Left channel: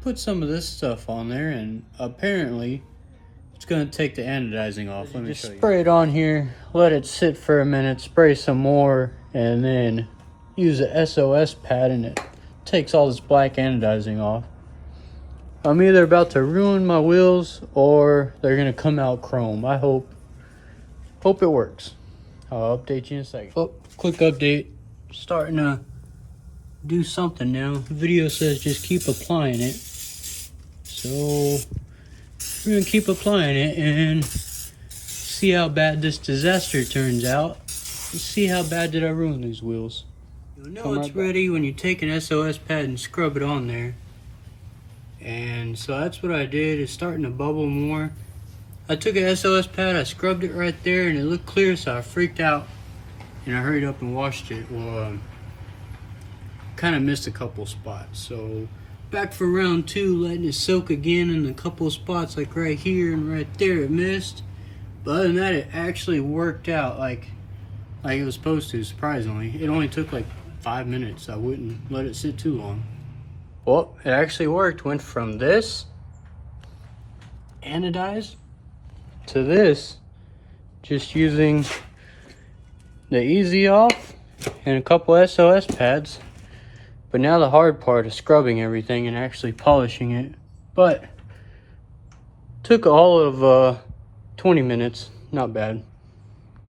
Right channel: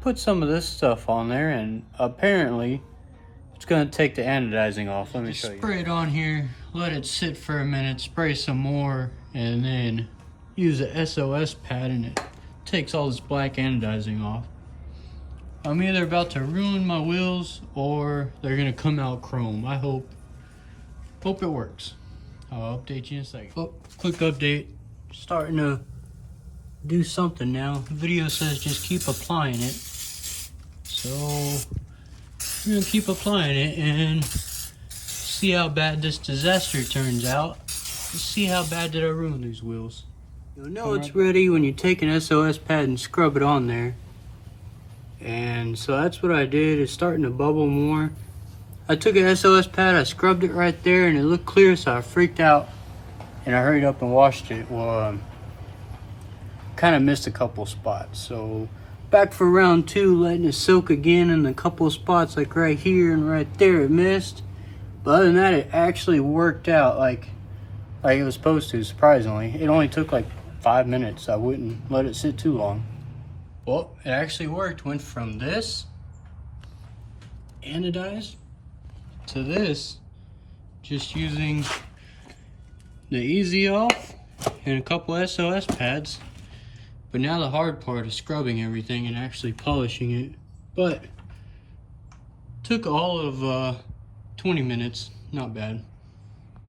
put some of this stuff on there, and apparently it's gonna take the anodizing off. Let me show you. Spray it on here, let it sit for a minute, spray some more, and then use a SOS pad, and it takes all this black anodizing off. I'm either about to ruin my wheels or they're gonna come out chrome. I hope it works. I'll update you in a second. Oh, quick update. Starting to do something now. The video says just keep applying it. So we're gonna keep applying it and see how bad this disaster turns out. Let's see how bad did I ruin these wheels. You'll know it's ready when you take an SOS pad and scrub it on there. And so that's what I did. It's starting to bubble more. I took an SOS pad, I scrubbed it right there, and it looked clear, so I freaked out and I hurried up and washed it. Well, kind of missed a couple spots, so back for round 2, letting it soak again in a couple spots, like right here and right there it missed. But other than that, it actually worked out like it was supposed to. Surprisingly, it only took like 5 minutes. I wouldn't let it sit too long. Well, it actually worked. Went from this anodized to this, just using the easy off and a couple SOS pads. But now the hard part is scrubbing everything and actually polishing it. But took all of 20 minutes, not bad.